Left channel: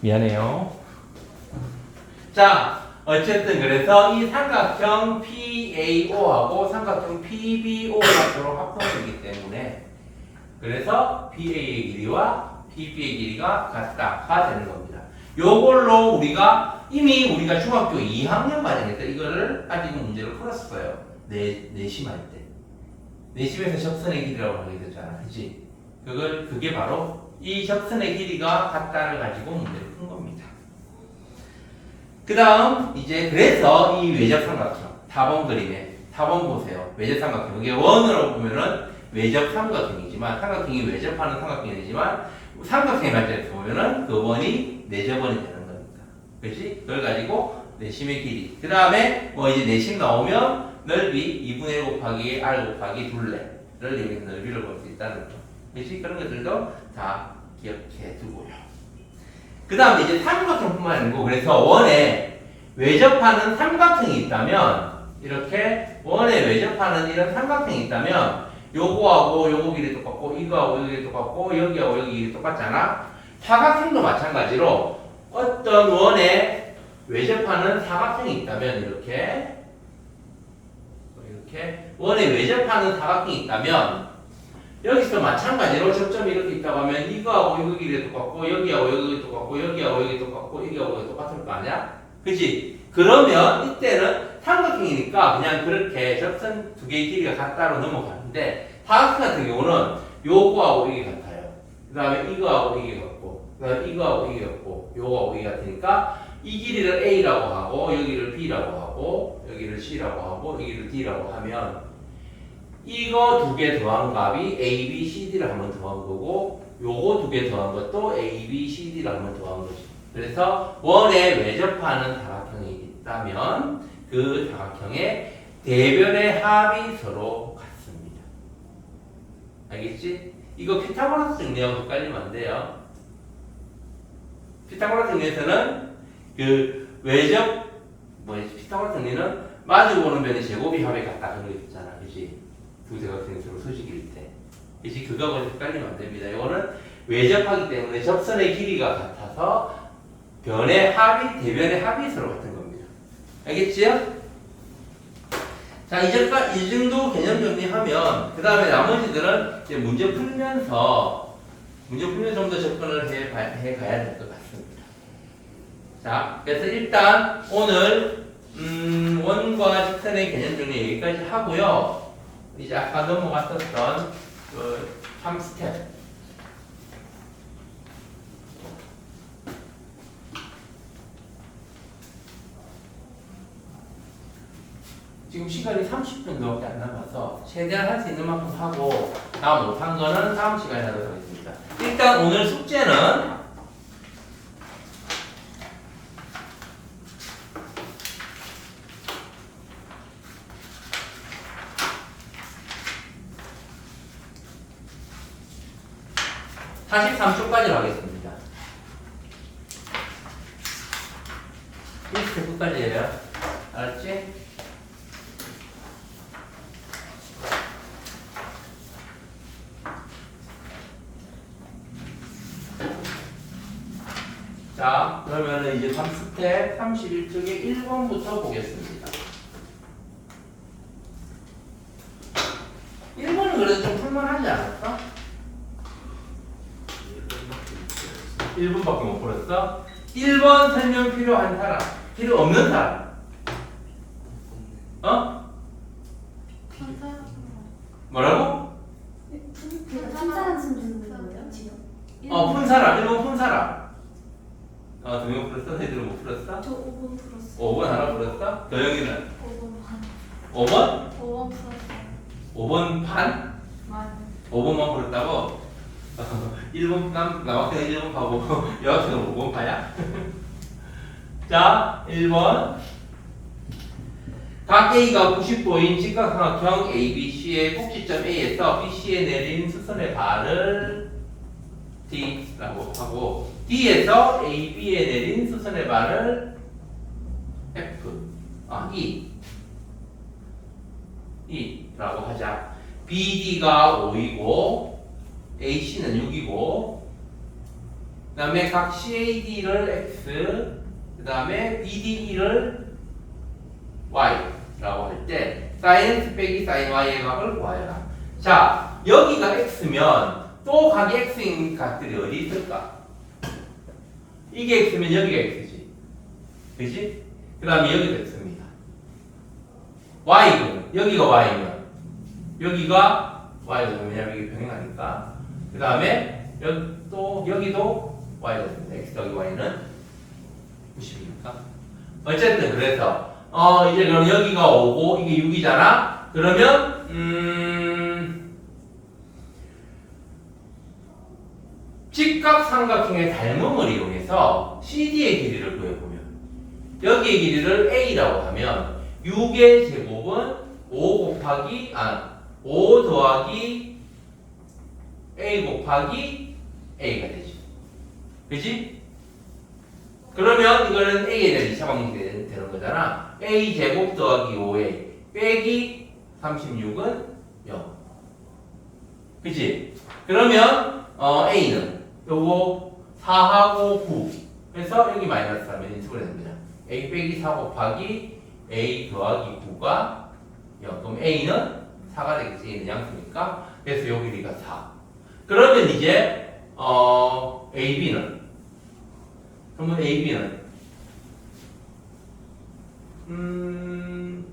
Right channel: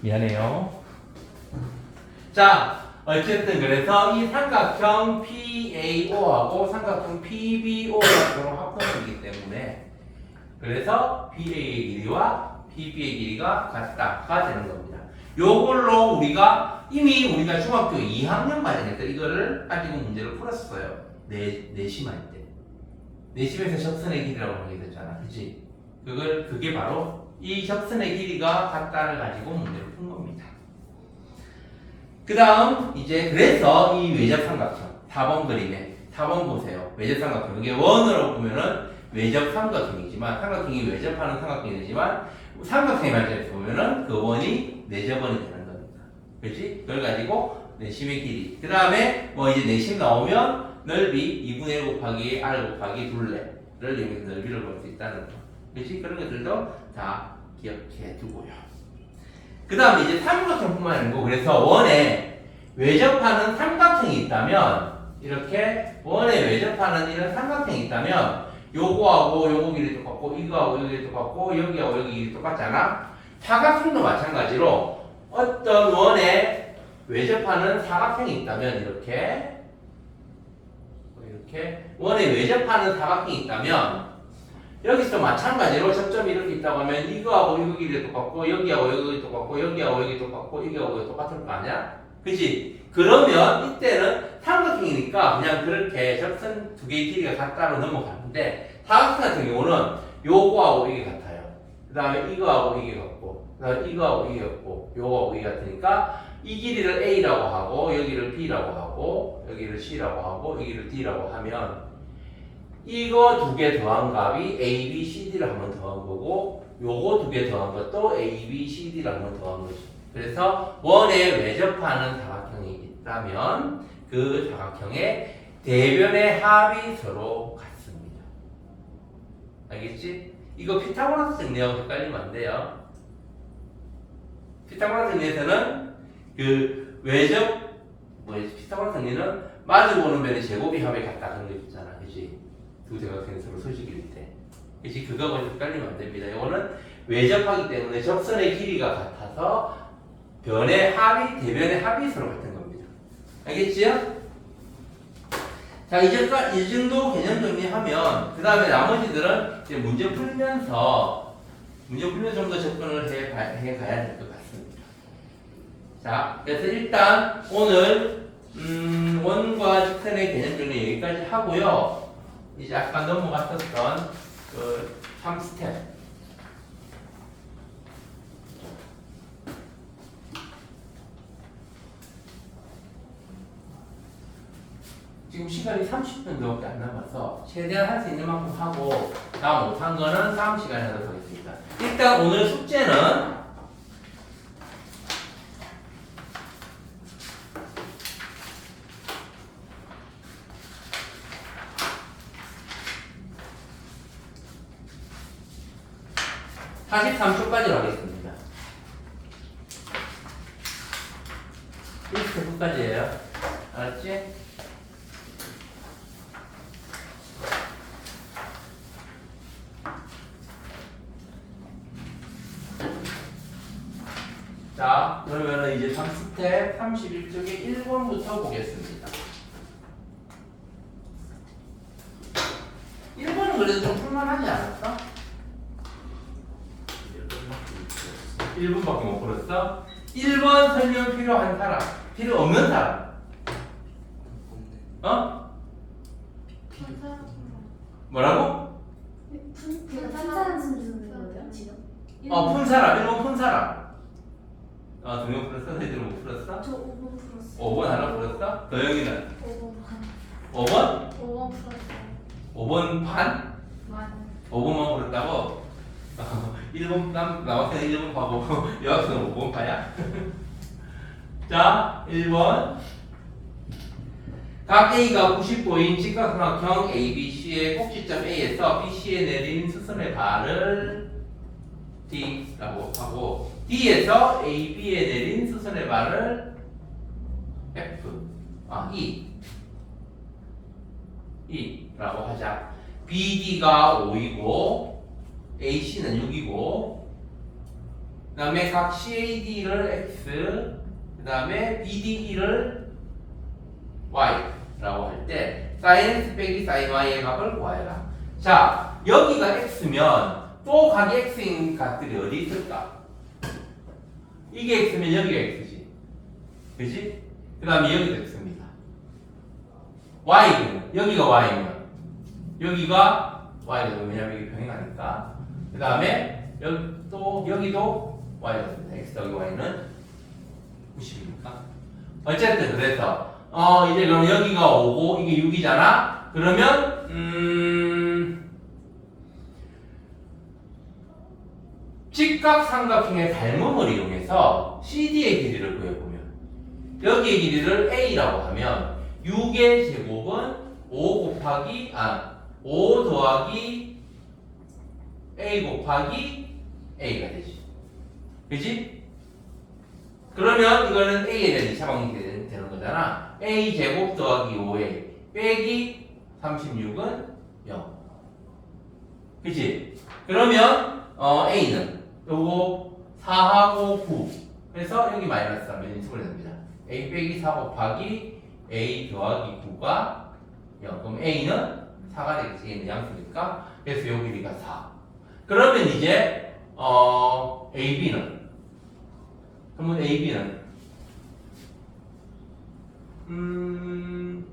미안해요. 자, 어쨌든 그래서 이 삼각형 PAO하고 삼각형 PBO가 서로 합동이기 때문에 그래서 PA의 길이와 PB의 길이가 같다가 되는 겁니다. 요걸로 우리가 이미 우리가 중학교 2학년 과정에서 이거를 가지고 문제를 풀었어요. 내심할 때. 내심에서 접선의 길이라고 하게 됐잖아. 그치? 그게 바로 이 접선의 길이가 같다를 가지고 문제를 푼 겁니다. 그 다음, 이제, 그래서 이 외적 삼각형, 타번 그림에, 타번 보세요. 외적 삼각형. 이게 원으로 보면은 외적 삼각형이지만, 삼각형이 외접하는 삼각형이 되지만, 삼각형의 관점에서 보면은 그 원이 내접원이 되는 겁니다. 그렇지? 그걸 가지고 내심의 길이. 그 다음에 뭐 이제 내심 나오면 넓이 2분의 1 곱하기 r 곱하기 둘레를 이용해서 넓이를 볼 수 있다는 거. 그렇지? 그런 것들도 다 기억해 두고요. 그 다음에 이제 삼각형뿐만 아니고 그래서 원에 외접하는 삼각형이 있다면 이렇게 원에 외접하는 이런 삼각형이 있다면 요거하고 요거 길이 똑같고 이거하고 여기 길이 똑같고 여기하고 여기 길이 똑같잖아. 사각형도 마찬가지로 어떤 원에 외접하는 사각형이 있다면 이렇게 원에 외접하는 사각형이 있다면 여기서 마찬가지로 접점이 이렇게 있다고 하면 이거하고 이거 길이 똑같고 여기하고 여기 똑같고 여기하고 여기 똑같고 여기하고 여기 똑같을 거 아니야? 그치? 그러면 이때는 삼각형이니까 그냥 그렇게 접선 두 개의 길이가 같다로 넘어가는데 사각형 같은 경우는 요거하고 이게 같아요. 그 다음에 이거하고 이게 같고 그 다음에 이거하고 이게 같고 요거하고 이게 같으니까 이 길이를 A라고 하고 여기를 B라고 하고 여기를 C라고 하고 여기를 D라고 하면 이거 두 개 더한 값이 A, B, C, D를 한번 더한 거고 요거 두 개 더한 것도 A, B, C, D를 한번 더한 거지. 그래서 원에 외접하는 사각형이 있다면 그 사각형의 대변의 합이 서로 같습니다. 알겠지? 이거 피타고라스 정리하고 헷갈리면 안 돼요. 피타고라스 정리에서는 그 외접 피타고라스 정리는 마주보는 변의 제곱이 합이 같다 그런 거 있잖아. 그치? 두 대각선이 서로 소식일 때. 그치? 그거하고 헷갈리면 안 됩니다. 이거는 외접하기 때문에 접선의 길이가 같아서 변의 합이, 대변의 합이 서로 같은 겁니다. 알겠지요? 자, 이 정도 개념 정리하면, 그 다음에 나머지들은 이제 문제 풀면서 좀 더 접근을 해 가야 될 것 같습니다. 자, 그래서 일단 오늘, 원과 직선의 개념 정리 여기까지 하고요. 이제 아까 넘어갔었던 그 3스텝. 지금 시간이 30분밖에 안 남아서 최대한 할 수 있는 만큼 하고 다 못한 거는 다음 시간에 하도록 하겠습니다. 일단 오늘 숙제는 43초까지 하겠습니다. 1스텝까지예요. 알았지? 자, 그러면은 이제 3스텝 31쪽에 1번부터 보겠습니다. 1번은 그래도 좀 풀만하지 않았어? 1번밖에 못 풀었어? 1번 설명 필요한 사람, 필요 없는 사람. 어? 뭐라고? 푼 사람 주는 거예요 지금? 푼 사람, 1번 푼 사람. 두 명 풀었어? 너희들은 못 풀었어? 저 5번 풀었어요. 5번 하나 풀었어? 도영이는? 5번 반. 5번? 5번 풀었어요. 5번 반? 만. 5번만 풀었다고? 1번 남학생은 1번 파고 여학생은 5번 파야? 자, 1번 각 A가 90도인 직각삼각형 ABC의 꼭지점 A에서 BC에 내린 수선의 발을 D라고 하고 D에서 AB에 내린 수선의 발을 E라고 하자. BD가 5이고 AC는 6이고 그 다음에 각 CAD를 X, 그 다음에 BDE를 Y라고 할 때 sin X 빼기 sin Y의 값을 구하여라. 자, 여기가 X면 또 각이 X인 값들이 어디 있을까? 이게 X면 여기가 X지. 그지? 그 다음에 여기도 X입니다. Y는 여기가 Y면 여기가 Y거든요. 왜냐면 이게 병행하니까. 그 다음에 또 여기도 Y거든요. X 여기 Y는 90이니까. 어쨌든 그래서 이제 그럼 여기가 5고 이게 6이잖아. 그러면 직각삼각형의 닮음을 이용해서 CD의 길이를 구해보면 여기의 길이를 A라고 하면 6의 제곱은 5 더하기 A 곱하기 A가 되지. 그지? 그러면 이거는 A에 대한 2차 방정식이 되는 거잖아. A 제곱 더하기 5A 빼기 36은 0. 그지? 그러면 A는 요거 4하고 9 그래서 여기 마이너스 하면 인수가 됩니다. A 빼기 4 곱하기 A 더하기 9가 0. 그럼 A는 4가 되겠지. A는 양수니까. 그래서 요 길이가 4. 그러면 이제 AB는 그러면 AB는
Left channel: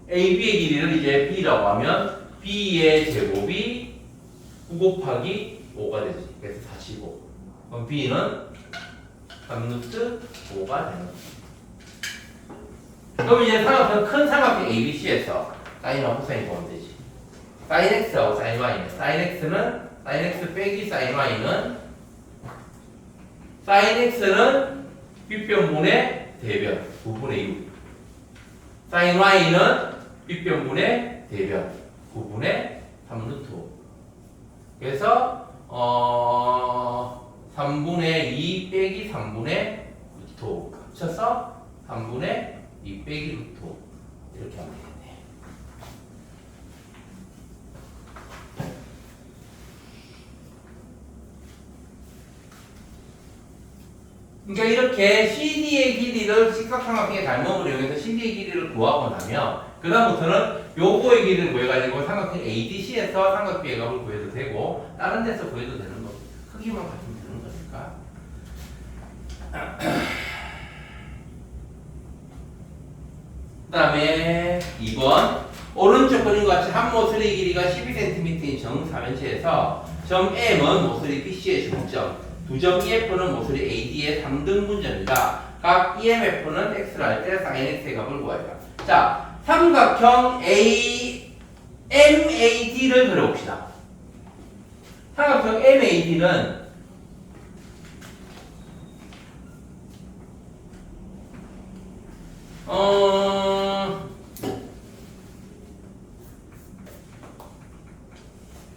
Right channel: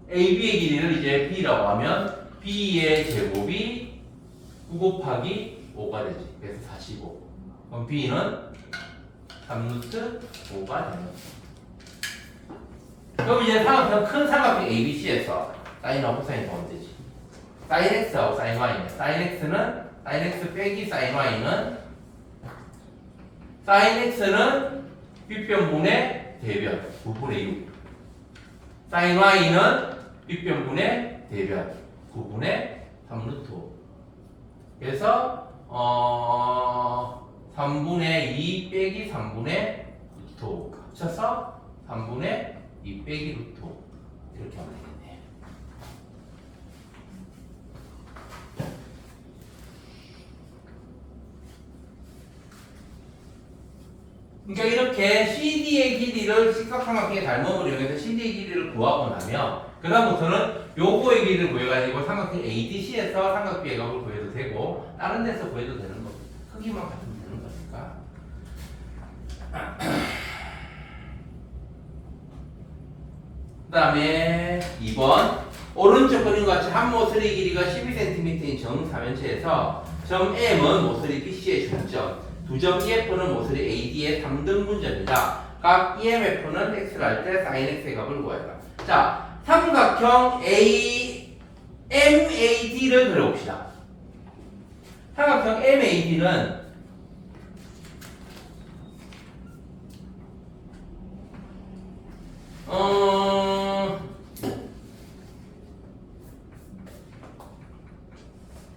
AB의 길이를 이제 B라고 하면 B의 제곱이 9 곱하기 5가 되지. 그래서 45. 그럼 B는 3루트 5가 되는 거죠. 그럼 이제 큰 삼각형 ABC에서 사인하고 코사인 보면 되지. 사인 X하고 사인 Y는 사인 X 빼기 사인 Y는 사인 X는 빗변분의 대변 9분의 6. 사인 Y는 빗변분의 대변 9분의 3루트 5. 그래서 3분의 2 빼기 3분의 루트 5 합쳐서 3분의 2 빼기 루트 5 이렇게 하면 되겠네요. 그러니까 이렇게 CD의 길이를 직각삼각형의 닮음을 이용해서 CD의 길이를 구하고 나면 그 다음부터는 요거의 길이를 구해가지고 삼각형 ADC에서 삼각비의 값을 구해도 되고 다른 데서 구해도 되는 겁니다. 크기만 가지면 되는 거니까. 그 다음에 2번 오른쪽 그림과 같이 한 모서리 길이가 12cm인 정사면체에서 점 M은 모서리 BC의 중점, 두 점 EF는 모서리 AD의 3등분점이다. 각 EMF는 X를 할 때 sin X의 값을 구하여라. 자, 삼각형 MAD를 그려봅시다. 삼각형 MAD는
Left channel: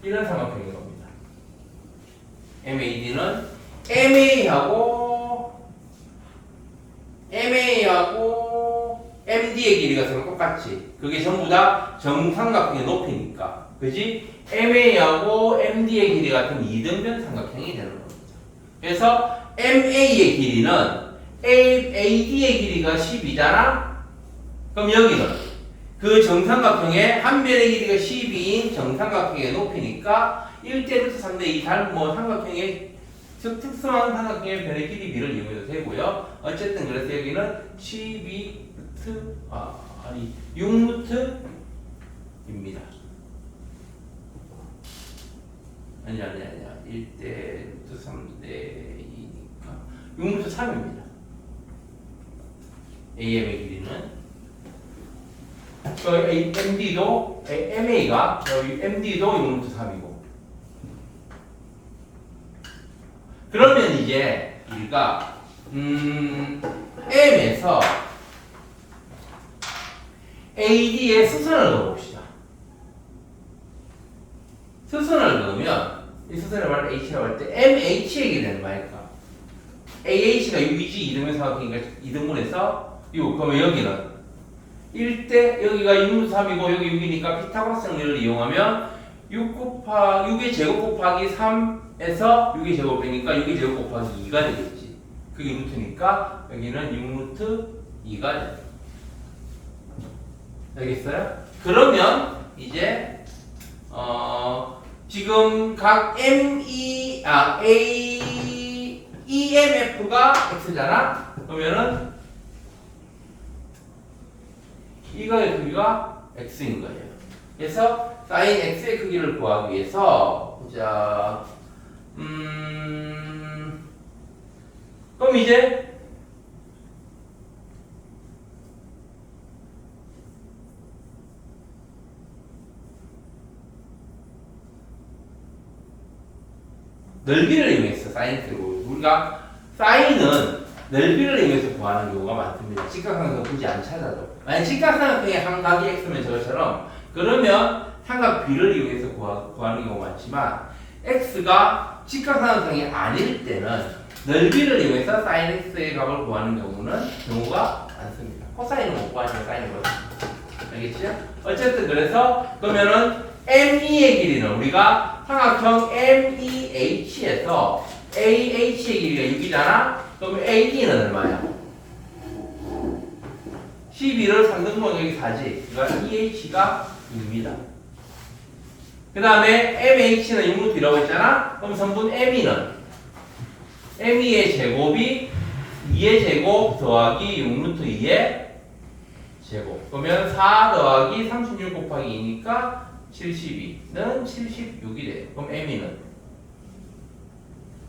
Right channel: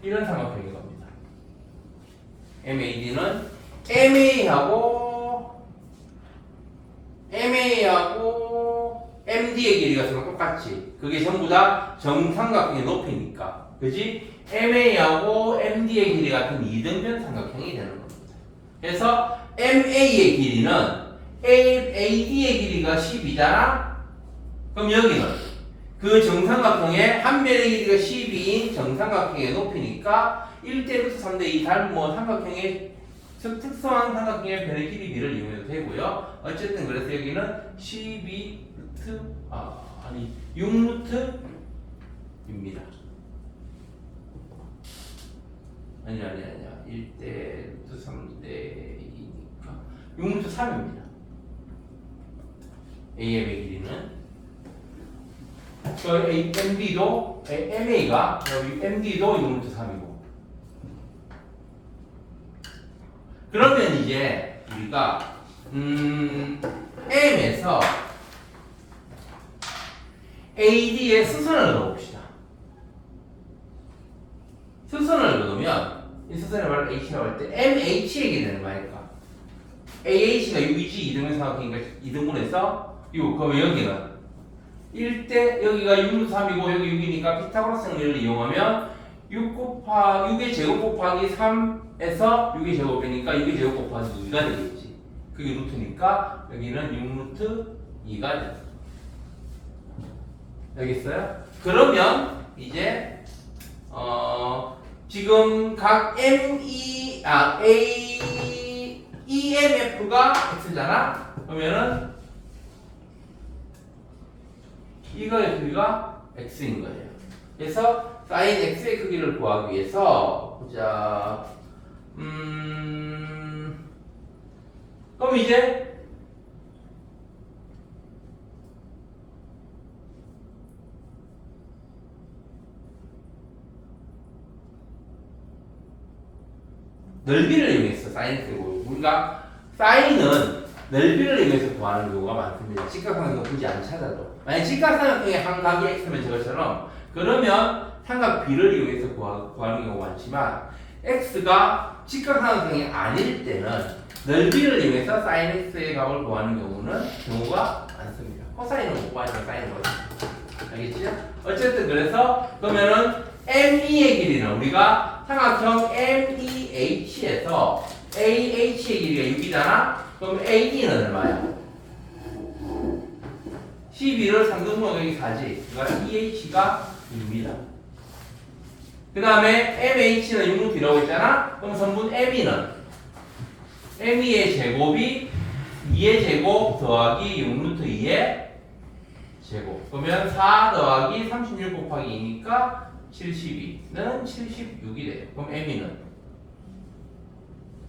이런 삼각형인 겁니다. MAD는 MA하고 MD의 길이가 서로 똑같지. 그게 전부 다 정삼각형의 높이니까. 그지? MA하고 MD의 길이 같은 이등변 삼각형이 되는 겁니다. 그래서 MA의 길이는 AD의 길이가 10이잖아? 그럼 여기는 그 정삼각형의 한 변의 길이가 12인 정삼각형의 높이니까 1대 루트 3대 2 삼각형의 특수한 삼각형의 변의 길이 비를 이용해도 되고요. 어쨌든 그래서 여기는 6루트입니다. 아니야. 1대 루트 3대 2니까 6루트 3입니다. AM의 길이는 MD도 MA가 여기 MD도 6루트 3이고 그러면 이제 우리가 M에서 AD의 수선을 넣어봅시다. 수선을 넣으면 이 수선의 말을 H라고 할 때 MH의 길이는 말일까? AH가 6이지 이등분 삼각형이니까 2등분해서 6. 그럼 여기는 1대 여기가 6루트 3이고 여기 6이니까 피타고라스 정리를 이용하면 6의 제곱 곱하기 3에서 6의 제곱이니까 6의 제곱 곱하기 2가 되겠지. 그게 루트니까 여기는 6루트 2가 됩니다. 알겠어요? 그러면 이제 지금 각 EMF가 X잖아? 그러면은 이거의 크기가 X인 거예요. 그래서 sin X의 크기를 구하기 위해서 보자. 그럼 이제 넓이를 이용해서 사인 X를 구해요. 우리가 사인은 넓이를 이용해서 구하는 경우가 많습니다. 직각삼각형 굳이 안 찾아도. 만약 직각삼각형의 한 각이 X면 저것처럼 그러면 삼각 B를 이용해서 구하는 경우가 많지만 X가 직각삼각형이 아닐 때는 넓이를 이용해서 사인 X의 값을 구하는 경우가 많습니다. 코사인은 못 구하지만 사인은 그렇습니다. 알겠죠? 어쨌든 그래서 그러면은 ME의 길이는 우리가 삼각형 MEH에서 AH의 길이가 6이잖아? 그럼 AD는 얼마야? 12를 3등분 여기 4지. 그러니까 EH가 2입니다. 그 다음에 MH는 6루트라고 했잖아? 그럼 선분 ME는 ME의 제곱이 2의 제곱 더하기 6루트 2의 제곱. 그러면 4 더하기 36 곱하기 2니까 72는 76이 돼요. 그럼 ME는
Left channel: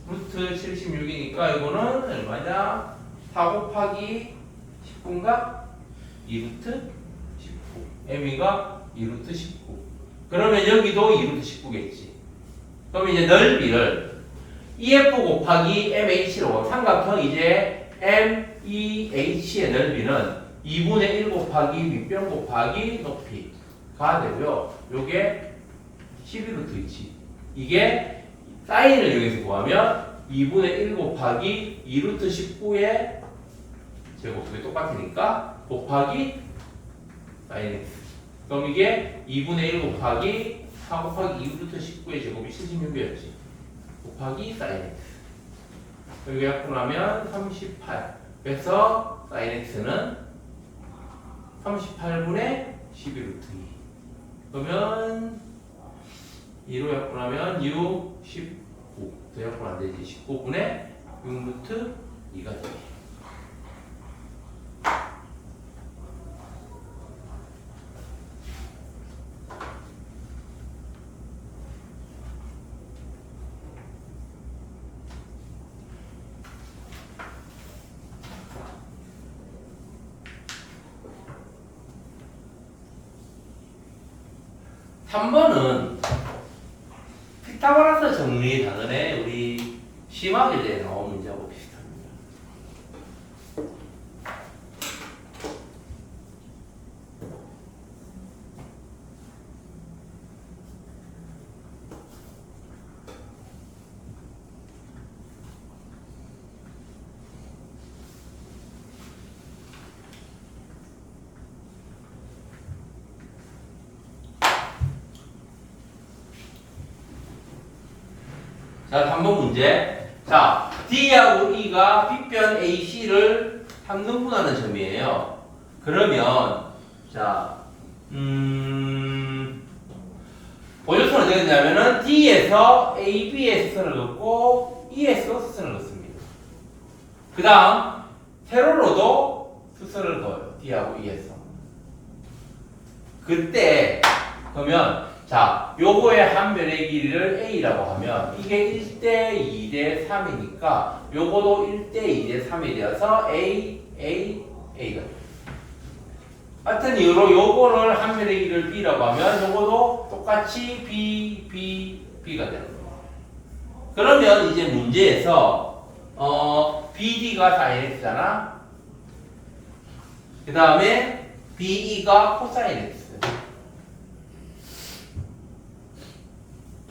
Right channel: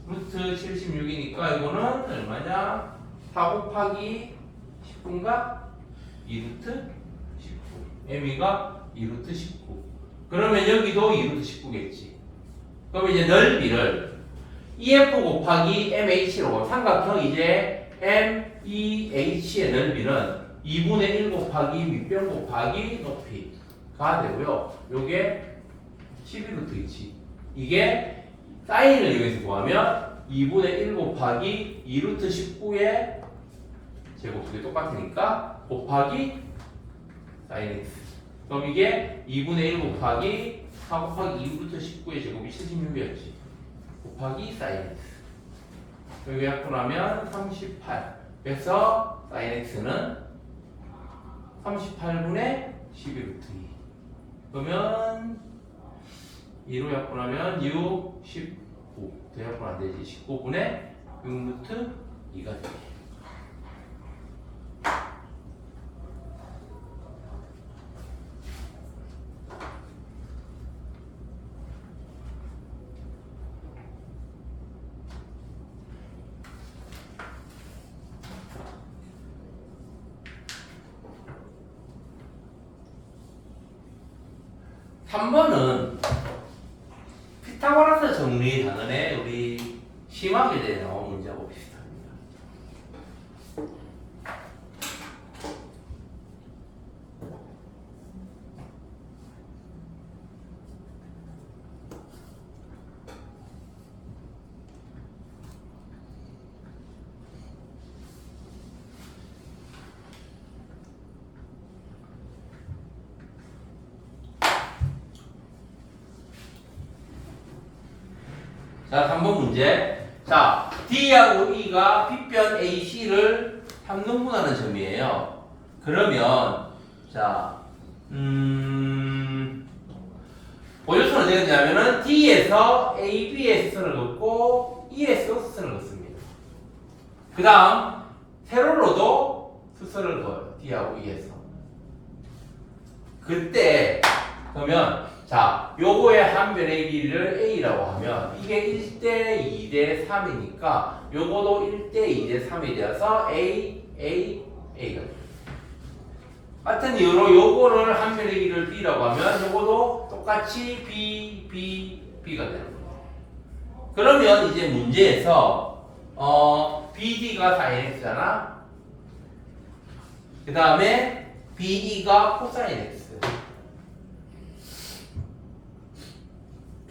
루트 76이니까 이거는 얼마냐? 4 곱하기 10분가 2루트 19. ME가 2루트 19. 그러면 여기도 2루트 19겠지. 그럼 이제 넓이를 EF 곱하기 MH로 삼각형 이제 MEH의 넓이는 2분의 1 곱하기 밑변 곱하기 높이가 되고요. 요게 11루트이지. 이게 사인을 이용해서 구하면 2분의 1 곱하기 2루트 19의 제곱이 똑같으니까 곱하기 사인 x. 그럼 이게 2분의 1 곱하기 4 곱하기 2루트 19의 제곱이 76이었지. 곱하기 사인 x. 여기 약분하면 38. 그래서 사인 x는 38분의 11루트 2. 그러면 2로 약분하면 6, 19. 더 약분 안 되지. 19분의 6루트 2가 되지. 삼 번은 피타고라스 정리 단원의 우리 심화계제에 나온 문제하고 비슷합니다. 자, 3번 문제. 자, D하고 E가 빗변 AC를 3등분하는 점이에요. 그러면, 자, 보조선은 어떻게 되냐면은 D에서 AB의 수선을 긋고 E에서 수선을 긋습니다. 그 다음, 세로로도 수선을 그어요. D하고 E에서. 그때, 그러면, 자, 요거의 한 변의 길이를 A라고 하면 이게 1대 2대 3이니까 요거도 1대 2대 3이 되어서 A가 돼요. 같은 이유로 요거를 한 변의 길이를 B라고 하면 요거도 똑같이 B가 되는 거예요. 그러면 이제 문제에서 BD가 sin X잖아. 그 다음에 BE가 코사인 X.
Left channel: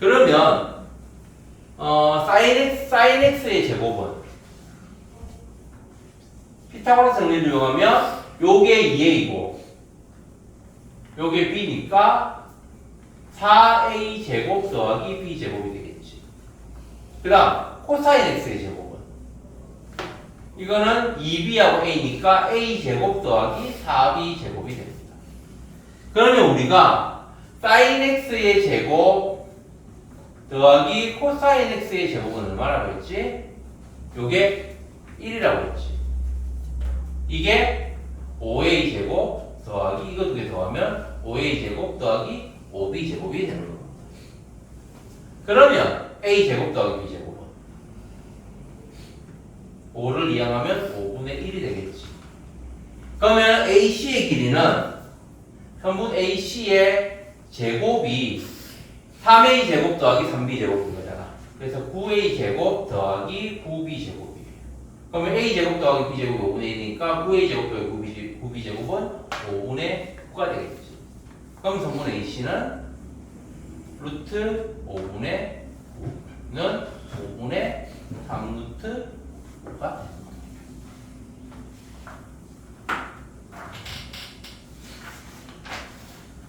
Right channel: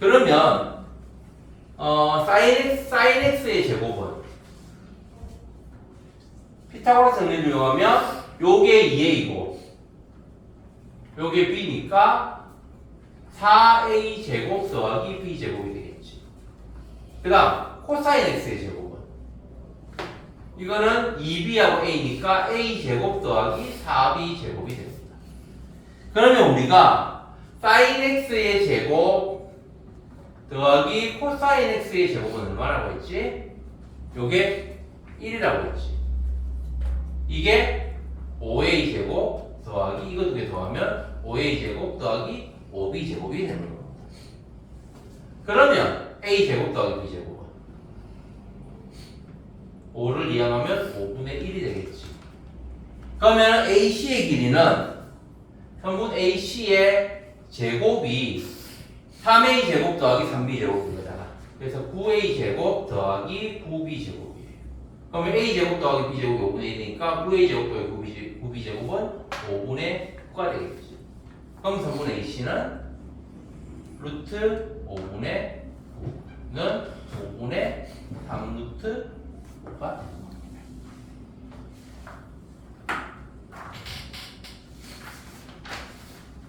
그러면 sin x의 제곱은 피타고라스 정리를 이용하면 요게 2a이고 요게 b니까 4a 제곱 더하기 b 제곱이 되겠지. 그 다음 코사인 x의 제곱은 이거는 2b하고 a니까 a제곱 더하기 4b제곱이 됩니다. 그러면 우리가 sin x의 제곱 더하기 코사인 x의 제곱은 얼마라고 했지? 요게 1이라고 했지. 이게 5a 제곱 더하기 이거 두 개 더하면 5a 제곱 더하기 5b 제곱이 되는 겁니다. 그러면 a 제곱 더하기 b 제곱은 5를 이항하면 5분의 1이 되겠지. 그러면 AC의 길이는 편분 AC의 제곱이 3A 제곱 더하기 3B 제곱인 거잖아. 그래서 9A 제곱 더하기 9B 제곱이에요. 그러면 A 제곱 더하기 B 제곱이 5분의 1이니까 9A 제곱 더하기 9B 제곱은 5분의 9가 되겠지. 그럼 전분 AC는 루트 5분의 9는 5분의 3루트 5가 됩니다.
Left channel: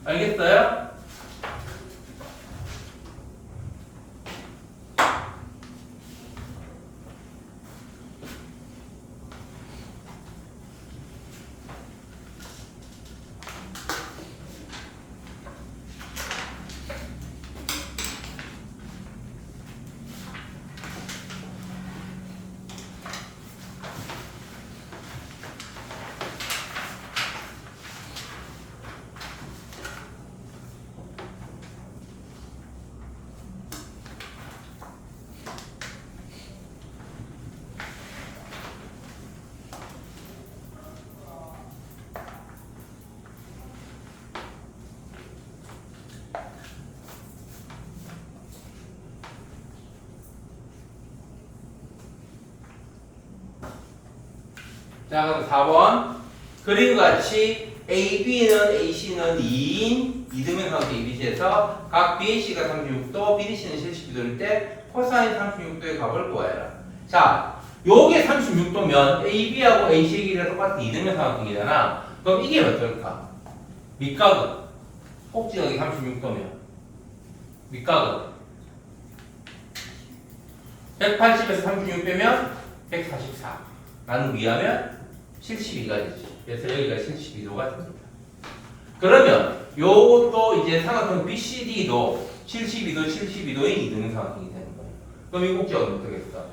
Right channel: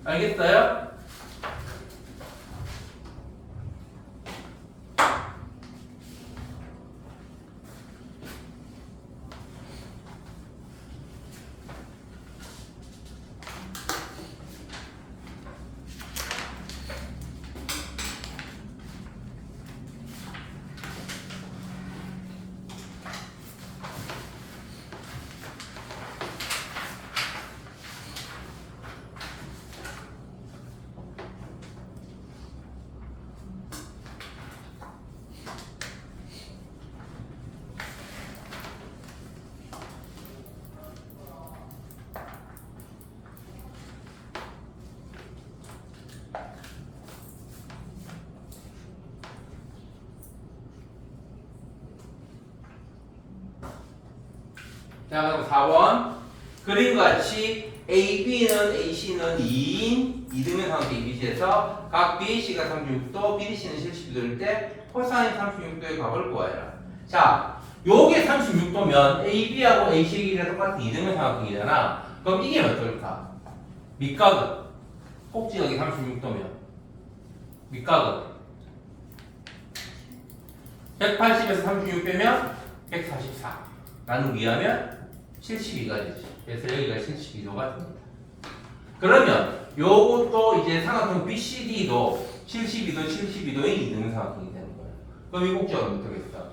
알겠어요? 자, 그럼 4번. 그림과 같이 AB는 AC는 2인 이등변 삼각형 ABC에서 각 BAC가 36도, BDC는 70도일 때 코사인 36도의 값을 구하여라. 자, 요게 36도면 AB하고 AC의 길이가 똑같은 이등변 삼각형이잖아. 그럼 이게 어떨까? 밑각은 꼭지각이 36도면 밑각은 180에서 36 빼면 144 나누기하면 72가 되지. 그래서 여기가 72도가 됩니다. 그러면 요것도 이제 삼각형 BCD도 72도인 이등변 삼각형이 되는 거예요. 그럼 이 꼭지가 어떻게 되겠다?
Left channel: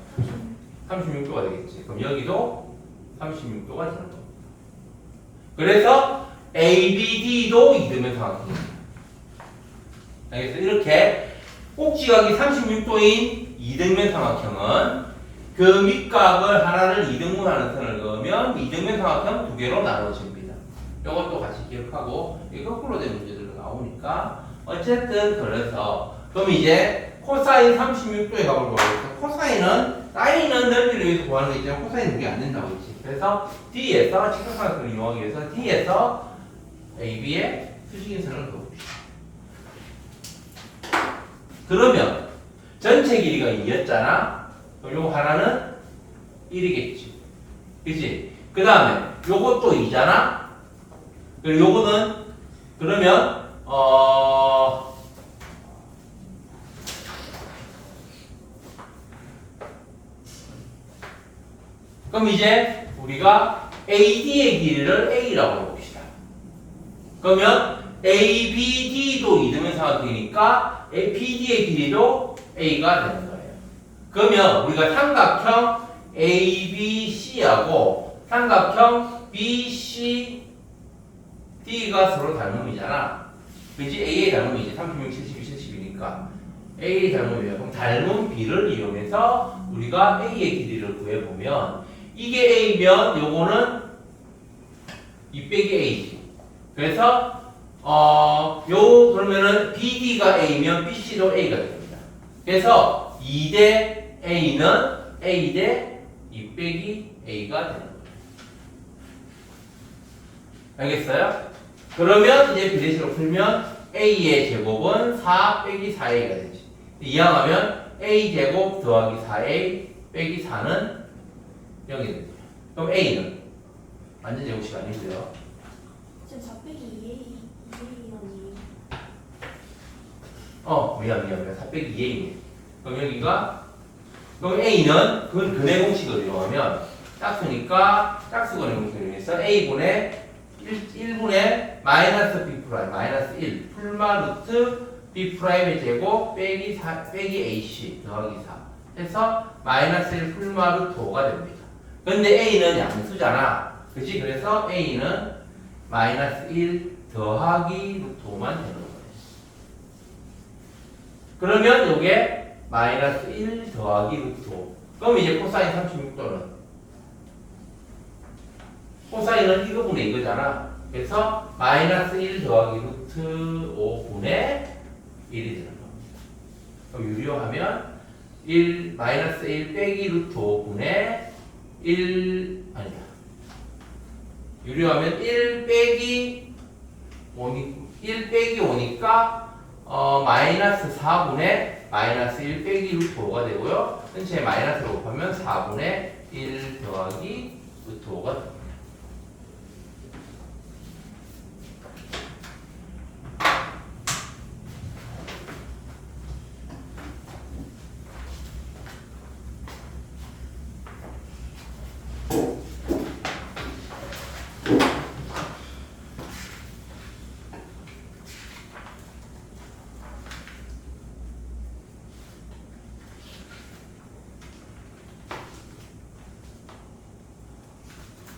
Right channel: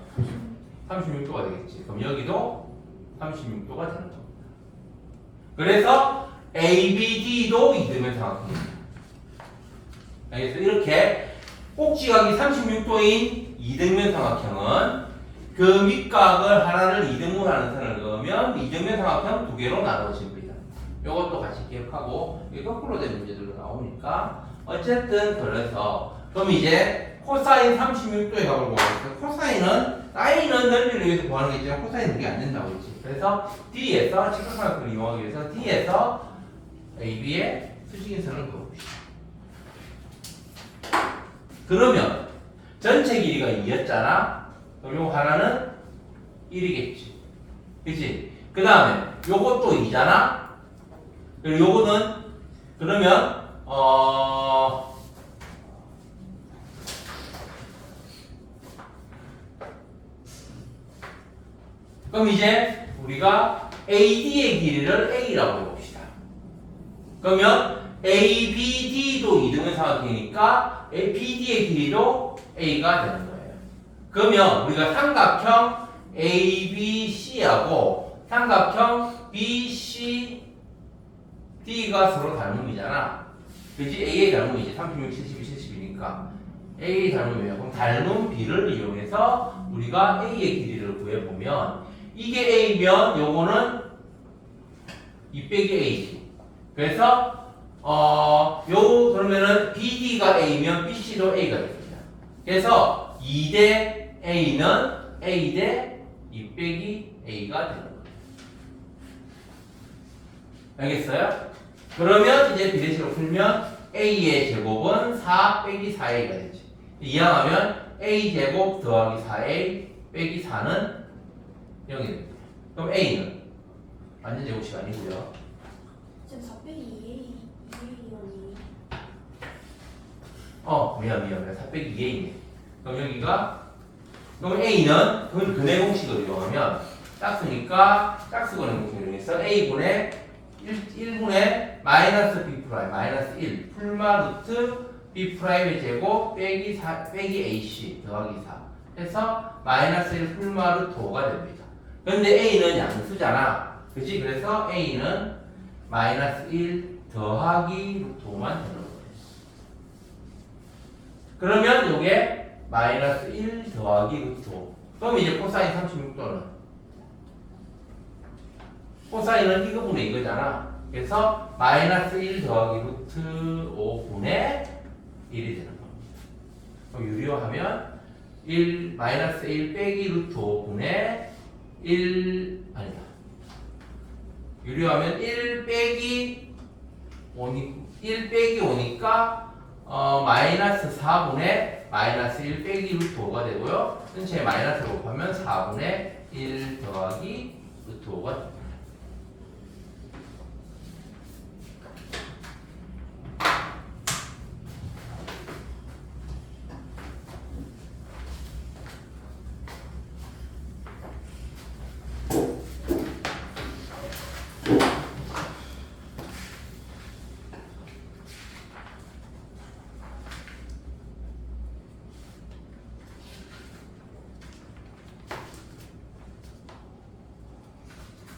36도가 되겠지. 그럼 여기도 36도가 되는 거예요. 그래서 ABD도 이등변 삼각형입니다. 알겠어? 이렇게 꼭지각이 36도인 이등변 삼각형은 그 밑각을 하나를 이등분하는 선을 그으면 이등변 삼각형 두 개로 나눠집니다. 이것도 같이 기억하고 이 거꾸로 된 문제들도 나오니까 어쨌든 그래서 그럼 이제 코사인 36도의 값을 구하겠습니다. 코사인은 사인은 넓이를 위해서 구하는 게 있지만 코사인은 그게 안 된다고 했지. 그래서 D에서 직각삼각형을 이용하기 위해서 D에서 AB의 수직인선을 그어봅시다. 그러면 전체 길이가 2였잖아. 그럼 요 하나는 1이겠지. 그치? 그 다음에 요것도 2잖아. 그리고 요거는 그러면 그럼 이제 우리가 AD의 길이를 A라고 해봅시다. 그러면 ABD도 이등변 삼각형이니까 BD의 길이도 A가 되는 거예요. 그러면 우리가 삼각형 ABC하고 삼각형 BCD가 서로 닮음이잖아. 그치? AA 닮음이지. 36, 72, 70이니까. AA 닮음이야. 그럼 닮은 B를 이용해서 우리가 A의 길이를 구해보면 이게 A면 요거는 2 빼기 A지. 그래서 요 그러면은 BD가 A면 BC도 A가 됩니다. 그래서 2대 A는 A 대 2 빼기 A가 되는 거예요. 알겠어요? 그러면 이제 비례식으로 풀면 A의 제곱은 4 빼기 4A가 되지. 이항하면 A 제곱 더하기 4A 빼기 4는 0이 됩니다. 그럼 A는 완전 제곱식 아니고요. 지금 4 빼기 2A라니. 미안. 4 빼기 2A네. 그럼 여기가 그럼 A는 근의 공식을 이용하면 짝수니까 짝수근의 공식을 이용해서 a분의 1분의 마이너스 b 프라임 마이너스 1 풀마 루트 b 프라임의 제곱 빼기 ac 더하기 4 해서 마이너스 1 풀마 루트 5가 됩니다. 근데 a는 양수잖아. 그치? 그래서 a는 마이너스 1 더하기 루트 5만 되는 거예요. 그러면 이게 마이너스 1 더하기 루트 5. 그럼 이제 코사인 36도는 코사인은 이거분의 이거잖아. 그래서 마이너스 1 더하기 루트 5분의 1이 되는 겁니다. 그럼 유리화하면 1 마이너스 1 빼기 루트 5분의 1 아니야. 유리화하면 1 빼기 5니까 마이너스 4분의 마이너스 1 빼기 루트 5가 되고요. 전체 마이너스를 곱하면 4분의 1 더하기 루트 5가 됩니다.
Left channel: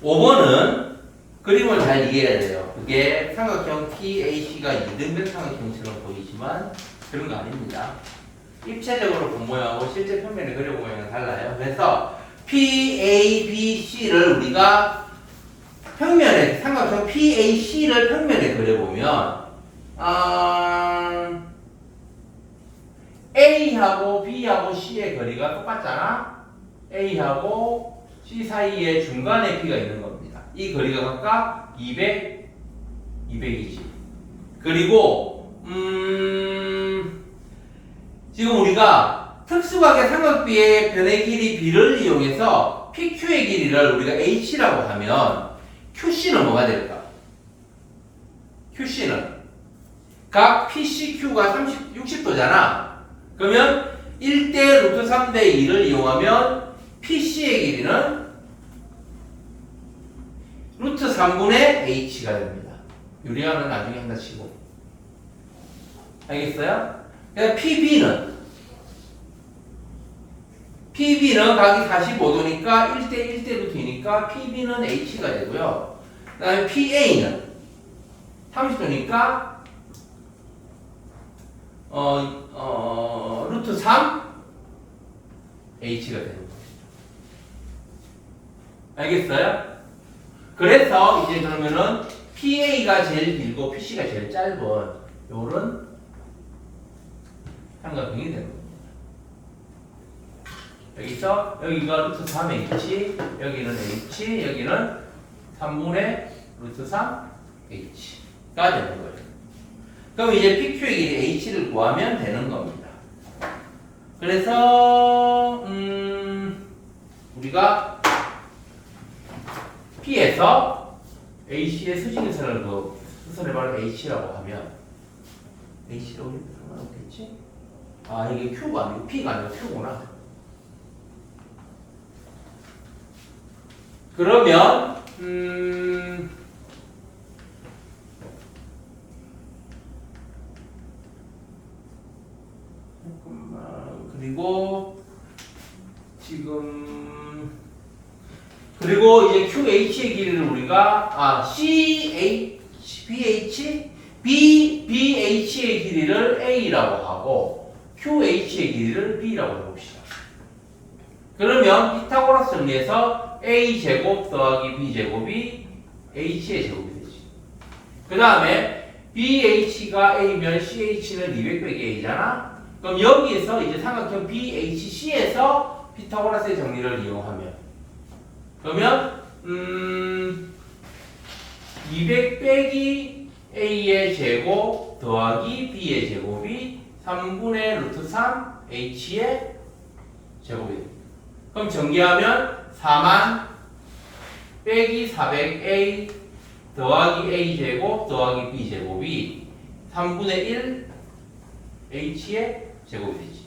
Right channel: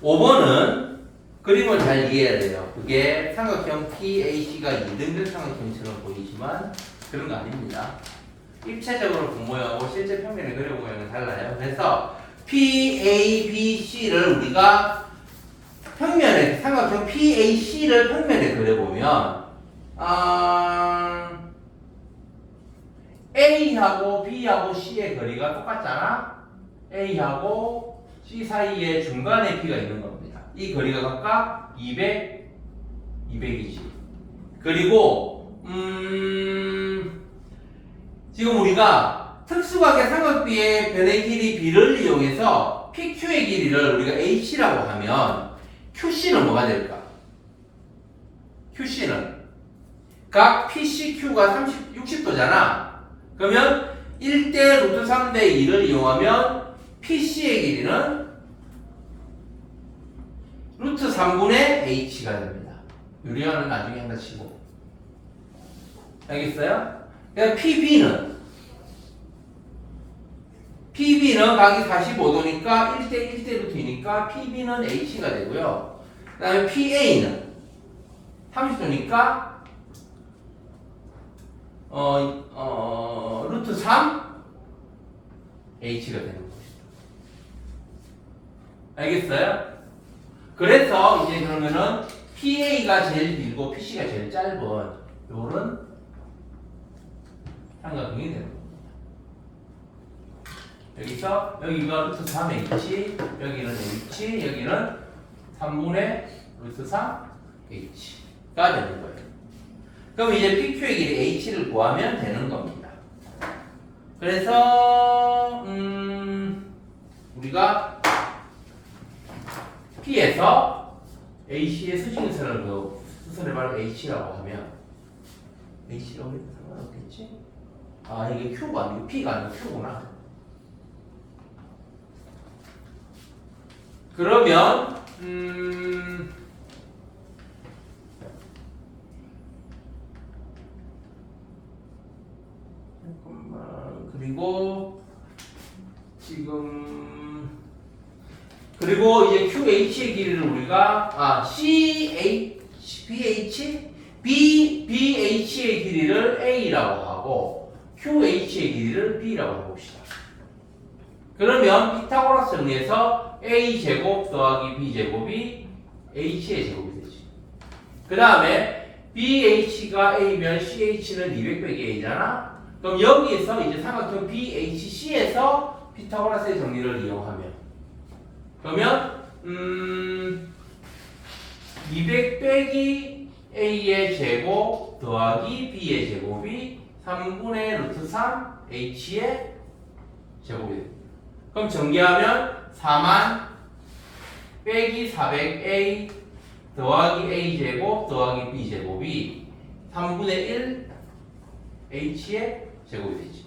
5번은 그림을 잘 이해해야 돼요. 그게 삼각형 PAC가 이등변 삼각형처럼 보이지만 그런 거 아닙니다. 입체적으로 본 모양하고 실제 평면에 그려본 모양은 달라요. 그래서 PABC를 우리가 평면에 삼각형 PAC를 평면에 그려보면 A하고 B하고 C의 거리가 똑같잖아. A하고 C 사이에 중간에 P가 있는 겁니다. 이 거리가 각각 200, 200이지. 그리고 지금 우리가 특수각의 삼각비의 변의 길이 B를 이용해서 PQ의 길이를 우리가 H라고 하면 QC는 뭐가 될까? QC는 각 PCQ가 60도잖아. 그러면 1대 루트 3대 2를 이용하면 PC의 길이는 루트 3분의 H가 됩니다. 유리화는 나중에 한다 치고. 알겠어요? 그러니까 PB는 각이 45도니까 1대 1대 루트이니까 PB는 H가 되고요. 그 다음에 PA는 30도니까 루트 3 H가 되는 거예요. 알겠어요? 그래서 이제 그러면은 PA가 제일 길고 PC가 제일 짧은 요런 삼각형이 되는 겁니다. 여기서 여기가 루트 3H, 여기는 H, 여기는 3분의 루트 3H가 되는 거예요. 그럼 이제 PQ의 길이 H를 구하면 되는 겁니다. 그래서 우리가 P에서 AC의 수직선을 그 수선을 바로 H라고 하면 H라고 해도 상관없겠지? 아 이게 Q가 아니고 P가 아니고 Q구나. 그러면 잠깐만 그리고 이제 QH의 길이를 우리가 BH의 길이를 A라고 하고 QH의 길이를 B라고 해봅시다. 그러면 피타고라스 정리해서 A제곱 더하기 B제곱이 H의 제곱이 되지. 그 다음에 BH가 A면 CH는 200 빼기 A잖아. 그럼 여기에서 이제 삼각형 BHC에서 피타고라스의 정리를 이용하면 그러면 200 빼기 A의 제곱 더하기 B의 제곱이 3분의 루트 3 H의 제곱이 됩니다. 그럼 전개하면 4만 빼기 400A 더하기 A제곱 더하기 B제곱이 3분의 1 H의 제곱이 되지.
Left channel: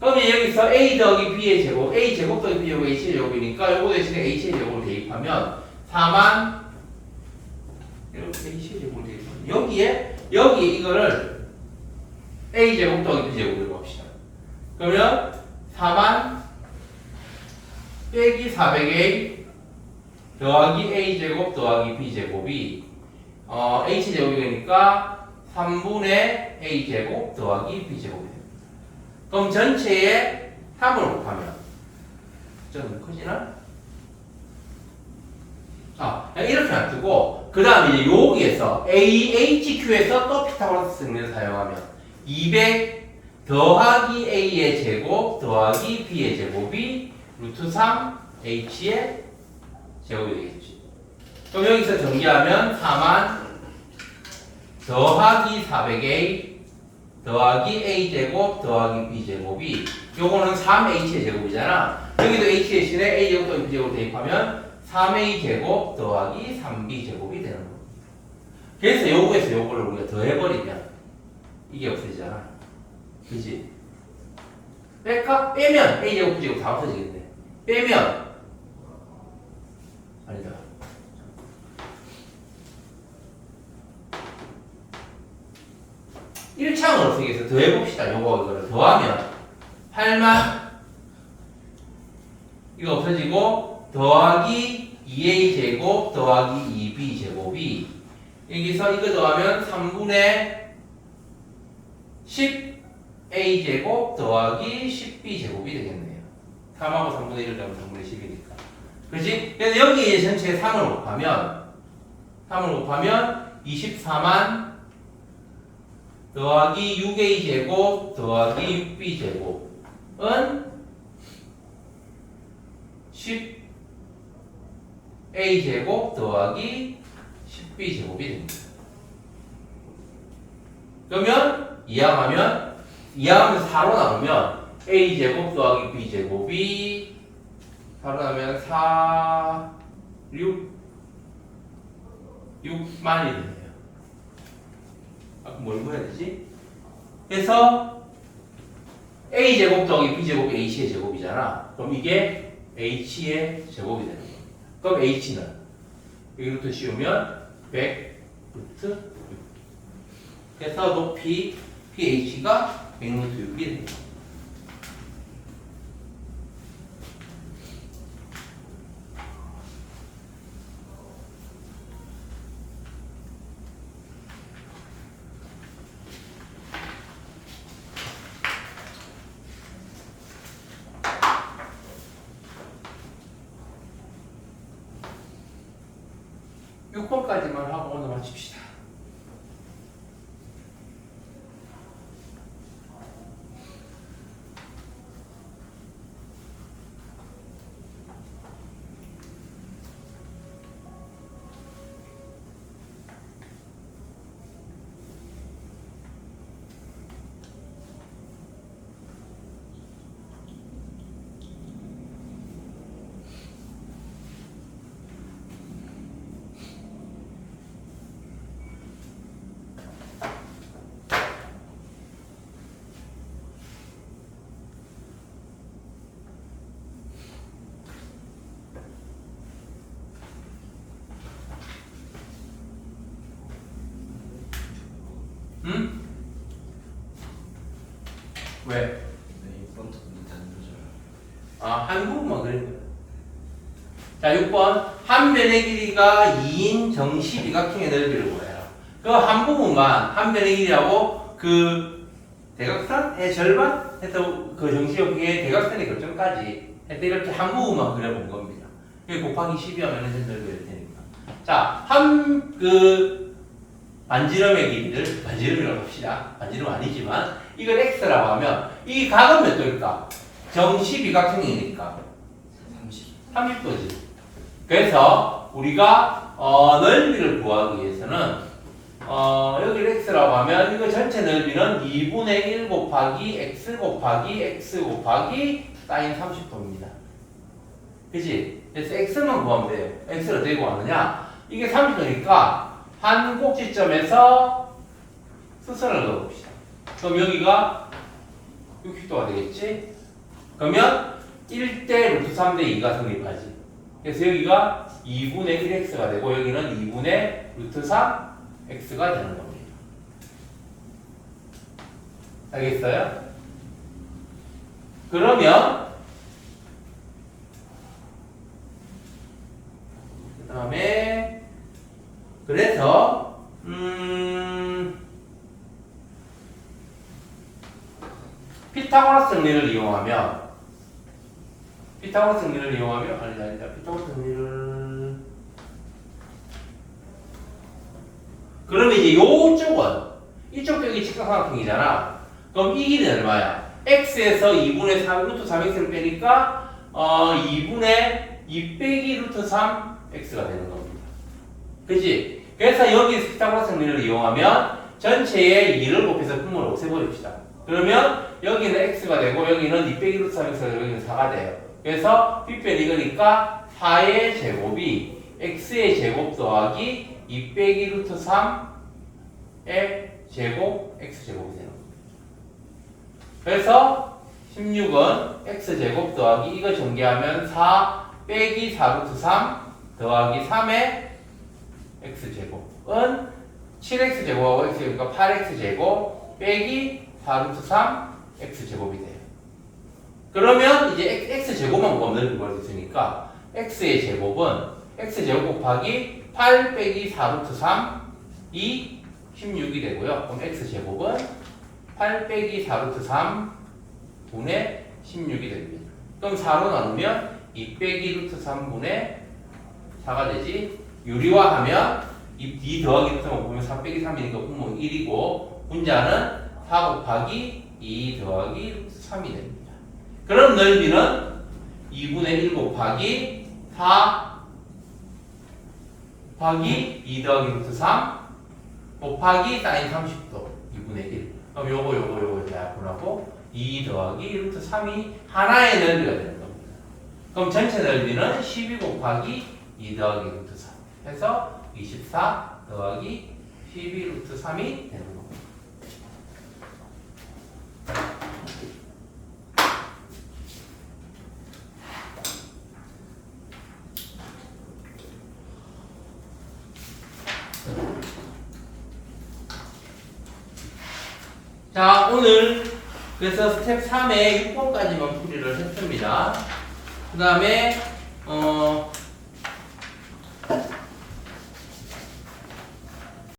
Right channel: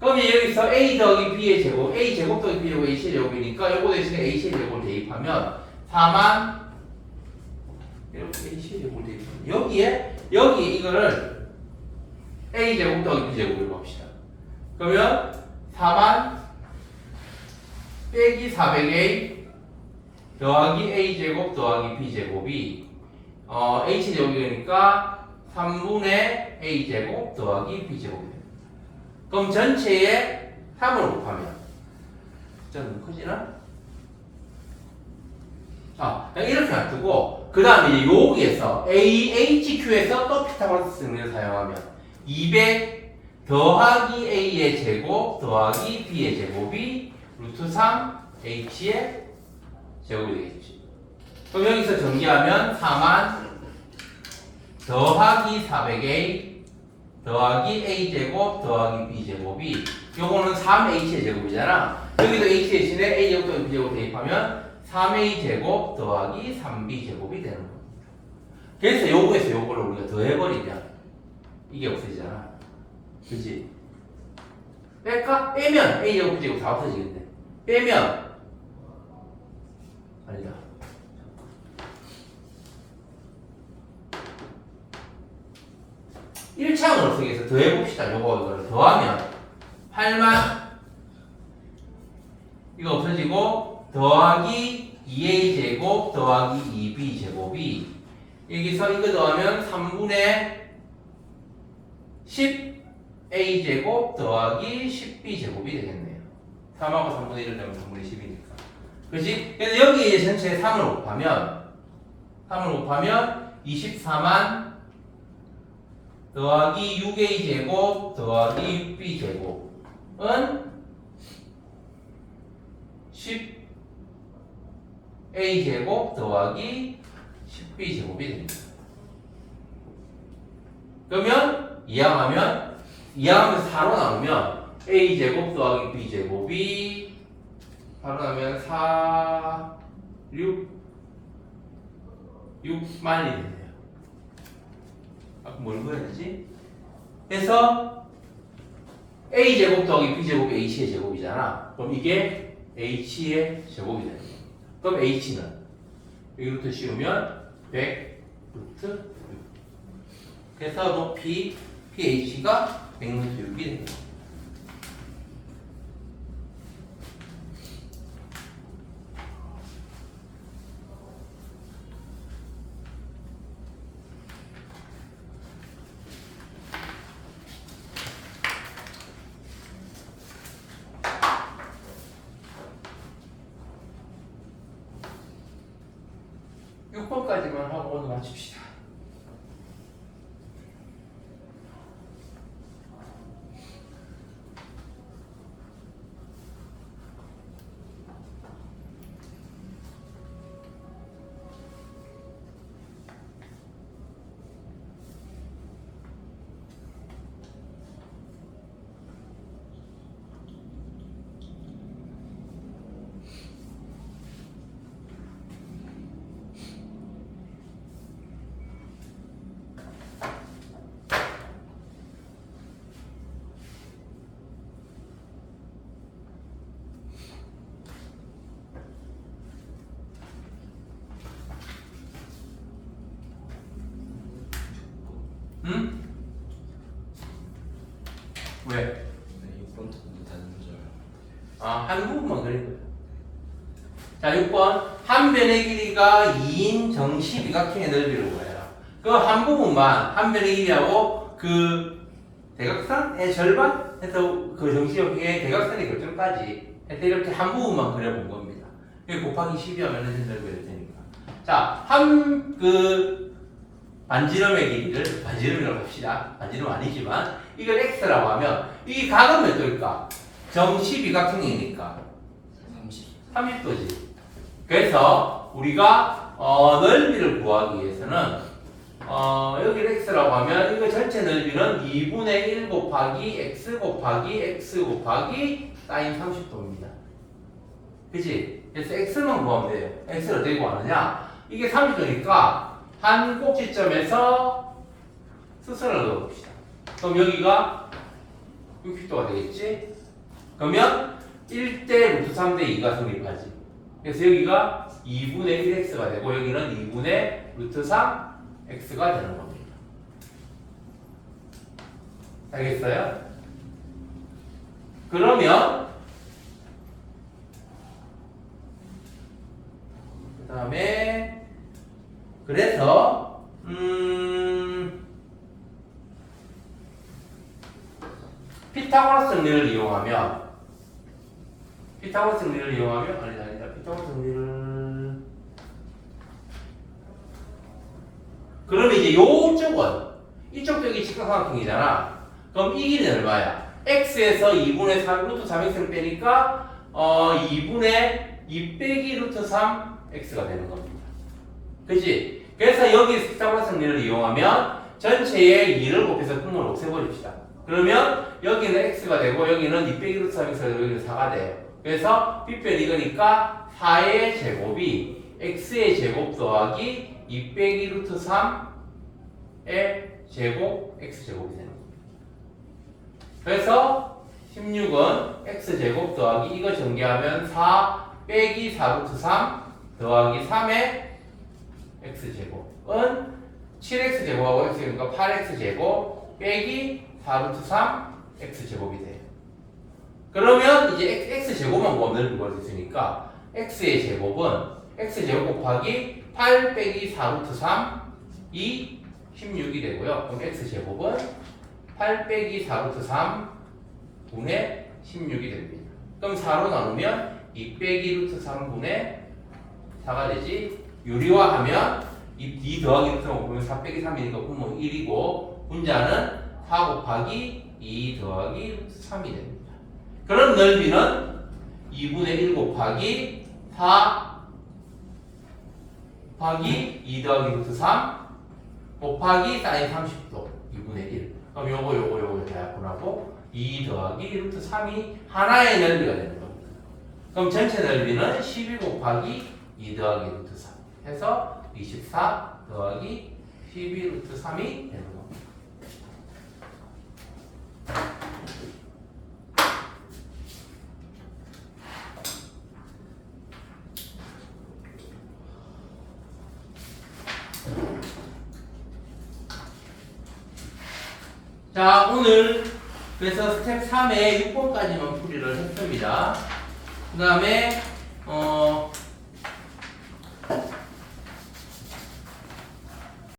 그러면 여기서 a 더하기 b의 제곱, a 제곱 더하기 b 제곱 h의 제곱이니까 요거 대신에 h의 제곱을 대입하면 4만 이렇게 h의 제곱을 대입하면 여기에 이거를 a 제곱 더하기 b 제곱으로 합시다. 그러면 4만 빼기 400a 더하기 a 제곱 더하기 b 제곱이 h 제곱이니까 3분의 a 제곱 더하기 b 제곱이 됩니다. 그럼 전체에 3을 곱하면 좀 커지나? 이렇게 놔두고 그 다음에 이제 여기에서 AHQ에서 또 피타고라스 승리를 사용하면 200 더하기 A의 제곱 더하기 B의 제곱이 루트 3 H의 제곱이 되겠지. 그럼 여기서 전개하면 4만 더하기 400A 더하기 A제곱 더하기 B제곱이 요거는 3H의 제곱이잖아. 여기도 H 대신에 A제곱 더하기 B제곱 대입하면 3A제곱 더하기 3B제곱이 되는 겁니다. 그래서 요거에서 요거를 우리가 더해버리면 이게 없어지잖아. 그치? 빼면 A제곱 B제곱 다 없어지겠네. 빼면 아니다. 일창을 어떻게 해서 더해봅시다. 이거를 더하면 8만 이거 없어지고 더하기 2a 제곱 더하기 2b 제곱이 여기서 이거 더하면 3분의 10a 제곱 더하기 10b 제곱이 되겠네요. 3하고 3분의 1을 더하면 3분의 10이니까. 그렇지? 그래서 여기에 전체에 3을 곱하면 24만 더하기 6a 제곱 더하기 6b 제곱은 10a 제곱 더하기 10b 제곱이 됩니다. 그러면 이항하면 4로 나누면 a 제곱 더하기 b 제곱이 4로 나누면 4, 6만이 되네요. 뭘 구해야 되지? 그래서 a 제곱 더하기 b 제곱이 h의 제곱이잖아. 그럼 이게 h의 제곱이 되는 겁니다. 그럼 h는 여기부터 씌우면 100 루트 6. 그래서 높이 ph가 100 루트 6이 됩니다. 까지만 하고 오늘 마칩시다. 응? 왜? 네, 6번부터 못하는 줄 알아요. 한 부분만 그린 거야. 자, 6번. 한 변의 길이가 2인 정시비각형의 너비를 구해라. 그 한 부분만, 한 변의 길이하고 그 대각선의 절반 해서 그 정시역의 대각선의 결정까지 해서 이렇게 한 부분만 그려본 겁니다. 이게 곱하기 12하면 현재 넓이 될 테니까. 자, 반지름의 길이를 반지름이라고 봅시다. 반지름 아니지만 이걸 x라고 하면 이 각은 몇 도일까? 정시비각형이니까 30도지. 그래서 우리가 넓이를 구하기 위해서는 여기를 x라고 하면 이거 전체 넓이는 2분의 1 곱하기 x 곱하기 x 곱하기 사인 30도입니다. 그치? 그래서 x만 구하면 돼요. x를 어떻게 구하느냐? 이게 30도니까 한 꼭지점에서 수선을 넣어봅시다. 그럼 여기가 60도가 되겠지? 그러면 1대 루트 3대 2가 성립하지. 그래서 여기가 2분의 1x가 되고 여기는 2분의 루트 3x가 되는 겁니다. 알겠어요? 그러면 그 다음에 그래서 피타고라스 정리를 이용하면 피타고라스 정리를 그러면 이제 요쪽은 이쪽 벽이 직각삼각형이잖아. 그럼 이 길이는 얼마야? x에서 2분의 3 루트 3x를 빼니까 2분의 2 빼기 루트 3x가 되는 겁니다. 그치? 그래서 여기 피타고라스 정리를 이용하면 전체에 2를 곱해서 분모를 없애버립시다. 그러면 여기는 x가 되고 여기는 2 빼기 루트 3x가 되고 여기는 4가 돼요. 그래서 b 빼기 이거니까 4의 제곱이 x의 제곱 더하기 2 빼기 루트 3의 제곱 x제곱이 되는 겁니다. 그래서 16은 x제곱 더하기 이거 전개하면 4 빼기 4 루트 3 더하기 3의 x제곱은 7x제곱하고 x제곱이니까 8x제곱 빼기 4 루트 3 x제곱이 돼요. 그러면 이제 x제곱만 곱하면 넓이 있으니까 x의 제곱은 x제곱 곱하기 8 빼기 4 루트 3이 16이 되고요. 그럼 x제곱은 8 빼기 4 루트 3 분의 16이 됩니다. 그럼 4로 나누면 2 빼기 루트 3분의 4가 되지. 유리화하면 2 더하기 루트 3 보면 4 빼기 3이니까 분모 1이고 분자는 4 곱하기 2 더하기 루트 3이 됩니다. 그럼 넓이는 2분의 1 곱하기 4 곱하기 2 더하기 루트 3 곱하기 사인 30도 2분의 1. 그럼 요거 약분하고 2 더하기 루트 3이 하나의 넓이가 되는 겁니다. 그럼 전체 넓이는 12 곱하기 2 더하기 루트 3 해서 24 더하기 12 루트 3이 되는 겁니다. 자, 오늘 그래서 스텝 3의 6번까지만 풀이를 했습니다. 그 다음에